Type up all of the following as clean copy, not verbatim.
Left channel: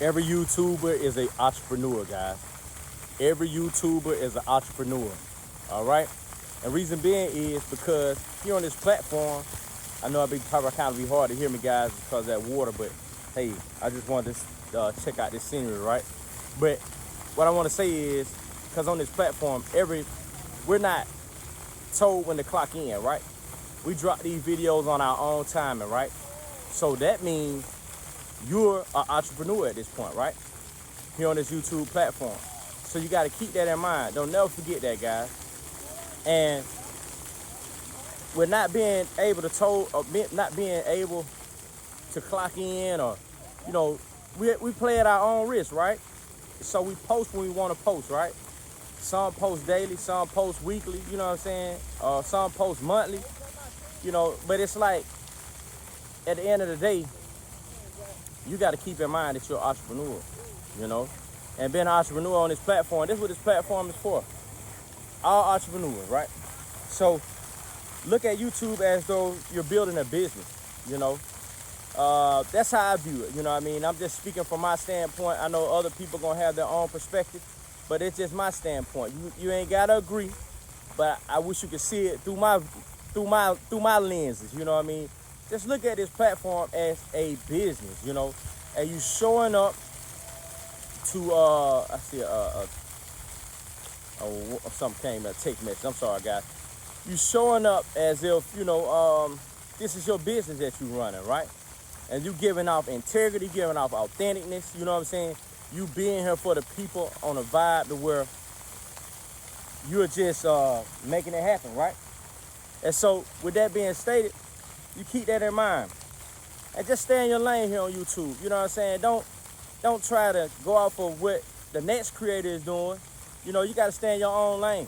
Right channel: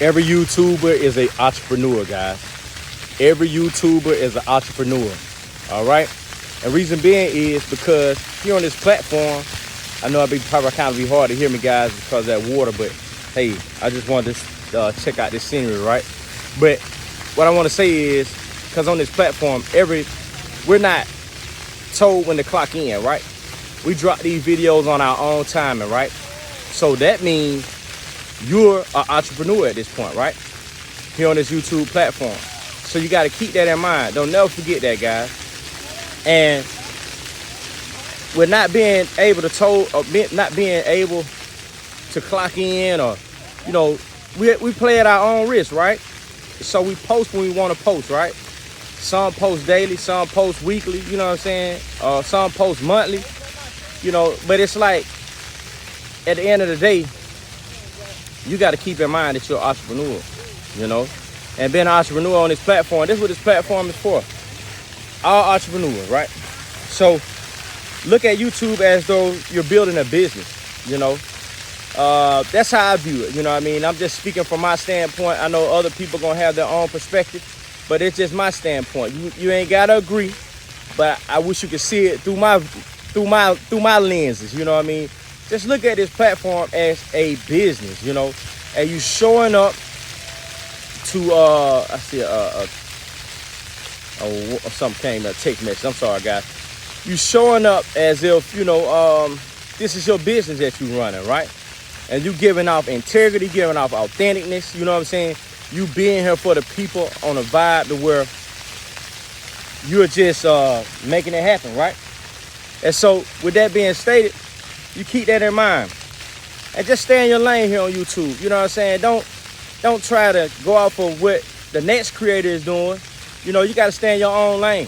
Every YouTuber is an entrepreneur, guys. Every YouTuber is an entrepreneur. All right. And reason being is because here on this platform, I know it'd probably kind of be hard to hear me, guys, because of that water. But hey, I just wanted to check out this scenery, right? But what I want to say is, because on this platform, we're not told when to clock in, right? We drop these videos on our own timing, right? So that means you're an entrepreneur at this point, right? Here on this YouTube platform. So you got to keep that in mind. Don't never forget that, guys. And we're not being able to clock in, or, you know, we play at our own risk, right? So we post when we want to post, right? Some post daily, some post weekly, you know what I'm saying? Some post monthly, you know, but it's like, at the end of the day, you got to keep in mind that you're an entrepreneur, you know? And being an entrepreneur on this platform, this is what this platform is for. All entrepreneurs, right? So look at YouTube as though you're building a business, you know? That's how I view it, you know what I mean? I'm just speaking from my standpoint. I know other people gonna have their own perspective, but it's just my standpoint. You ain't gotta agree, but I wish you could see it through my lenses, you know what I mean? Just look at this platform as a business, you know? And you showing up to I see something came, a text message. I'm sorry, guys. You showing up as if, you know, this is your business that you running, right? And you giving off integrity, giving off authenticness, you know what I'm saying? You being here for the people on a vibe to where you're just making it happen, right? And so with that being stated, you keep that in mind. And just stay in your lane here on YouTube, you know what I'm saying? Don't try to go off of what the next creator is doing. You know, you got to stay in your own lane.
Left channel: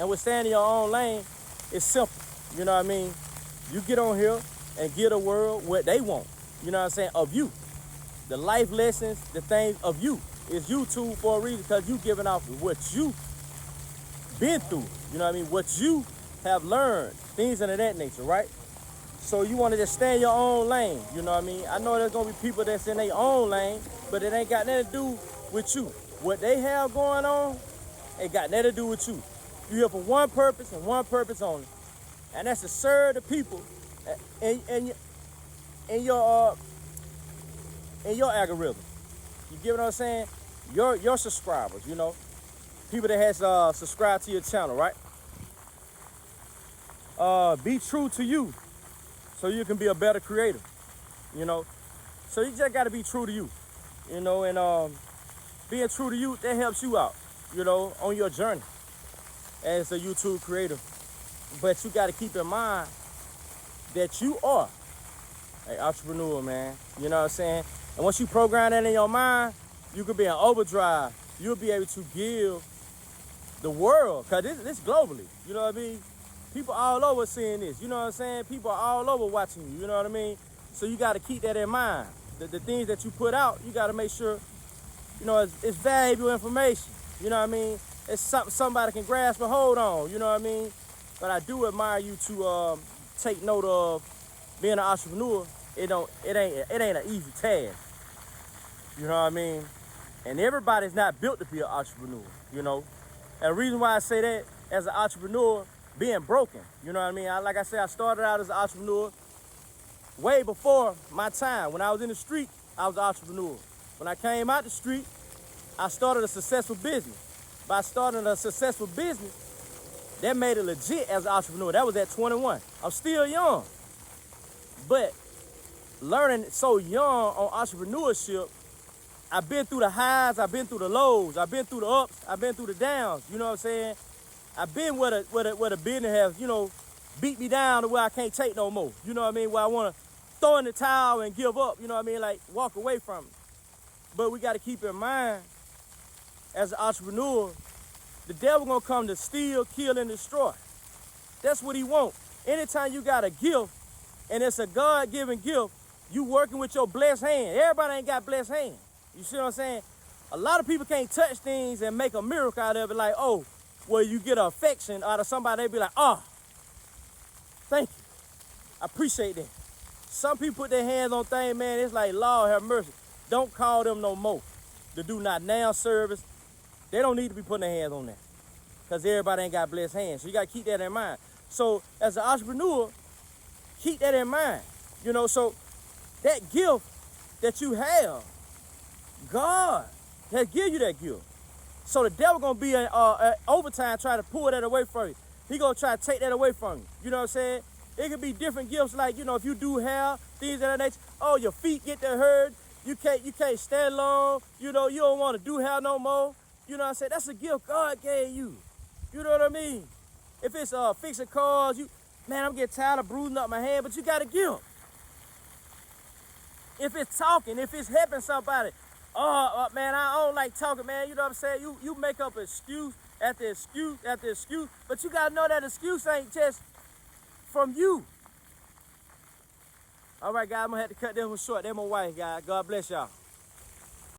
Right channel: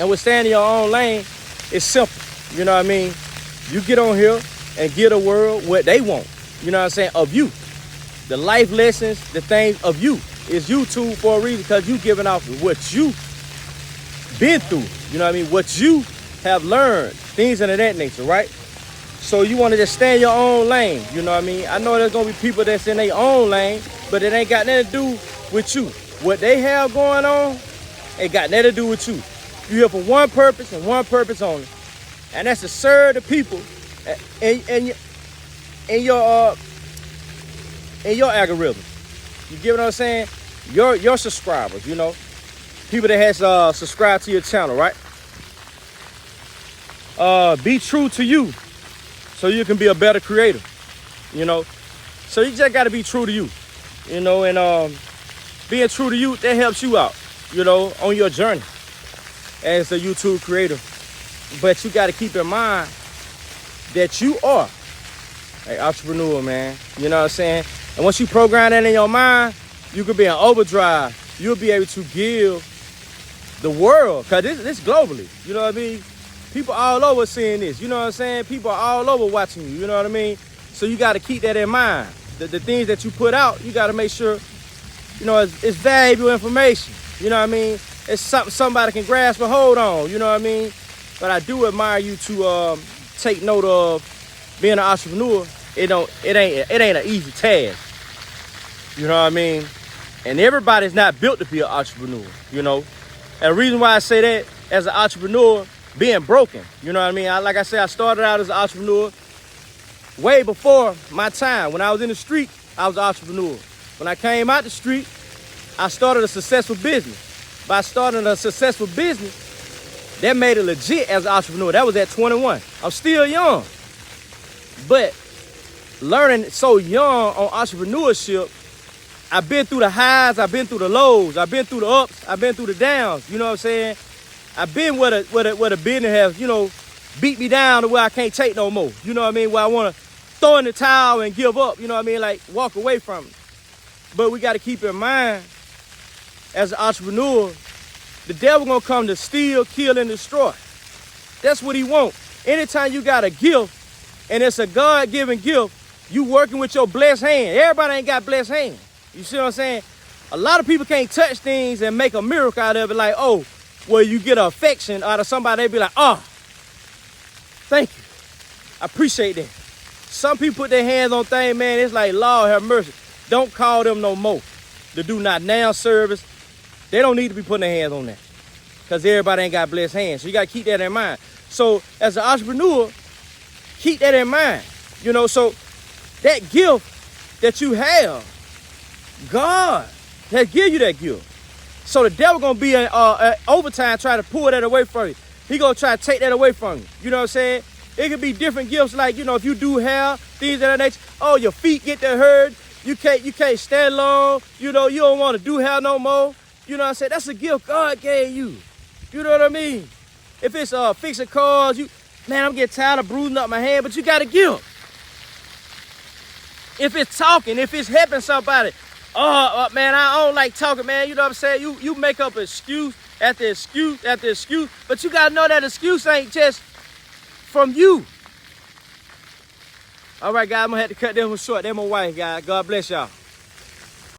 And with staying in your own lane, it's simple. You know what I mean? You get on here and give the world what they want. You know what I'm saying? Of you. The life lessons, the things of you. It's YouTube for a reason, because you giving off what you been through. You know what I mean? What you have learned. Things of that nature, right? So you want to just stay in your own lane. You know what I mean? I know there's going to be people that's in their own lane, but it ain't got nothing to do with you. What they have going on, it got nothing to do with you. You're here for one purpose and one purpose only. And that's to serve the people in your algorithm. You get what I'm saying? Your subscribers, you know. People that has subscribed to your channel, right? Be true to you so you can be a better creator, you know. So you just got to be true to you, you know, and being true to you, that helps you out, you know, on your journey as a YouTube creator. But you got to keep in mind that you are an entrepreneur, man. You know what I'm saying? And once you program that in your mind, you could be in overdrive. You'll be able to give the world, because this globally, you know what I mean? People all over seeing this, you know what I'm saying? People are all over watching you, you know what I mean? So you got to keep that in mind. The things that you put out, you got to make sure, you know, it's valuable information. You know what I mean? It's something somebody can grasp a hold on, you know what I mean? But I do admire you to take note of being an entrepreneur. It ain't an easy task. You know what I mean? And everybody's not built to be an entrepreneur, you know? And the reason why I say that, as an entrepreneur, being broken, you know what I mean? Like I said, I started out as an entrepreneur way before my time. When I was in the street, I was an entrepreneur. When I came out the street, I started a successful business. By starting a successful business, that made it legit as an entrepreneur. That was at 21. I'm still young. But learning so young on entrepreneurship, I've been through the highs, I've been through the lows, I've been through the ups, I've been through the downs, you know what I'm saying? I've been where the business has, you know, beat me down to where I can't take no more. You know what I mean? Where I want to throw in the towel and give up, you know what I mean? Like, walk away from it. But we got to keep in mind, as an entrepreneur, the devil going to come to steal, kill, and destroy. That's what he wants. Anytime you got a gift, and it's a God-given gift, you working with your blessed hand. Everybody ain't got blessed hands. You see what I'm saying? A lot of people can't touch things and make a miracle out of it, like, oh, well, you get an affection out of somebody, they be like, oh, thank you. I appreciate that. Some people put their hands on things, man, it's like, Lord have mercy. Don't call them no more. The do not now service, they don't need to be putting their hands on that because everybody ain't got blessed hands. So you got to keep that in mind. So as an entrepreneur, keep that in mind. You know, so that gift that you have, God has given you that gift. So the devil going to be in overtime trying to pull that away from you. He going to try to take that away from you. You know what I'm saying? It could be different gifts like, you know, if you do hair, things of that nature. Oh, your feet get to hurt. You can't stand long. You know, you don't want to do hair no more. You know what I'm saying? That's a gift God gave you. You know what I mean? If it's fixing cars, man, I'm getting tired of bruising up my hand, but you got a gift. If it's talking, if it's helping somebody, man, I don't like talking, man. You know what I'm saying? You make up excuse after excuse after excuse, but you got to know that excuse ain't just from you. All right, guys, I'm going to have to cut them short. They're my wife, guys. God bless y'all.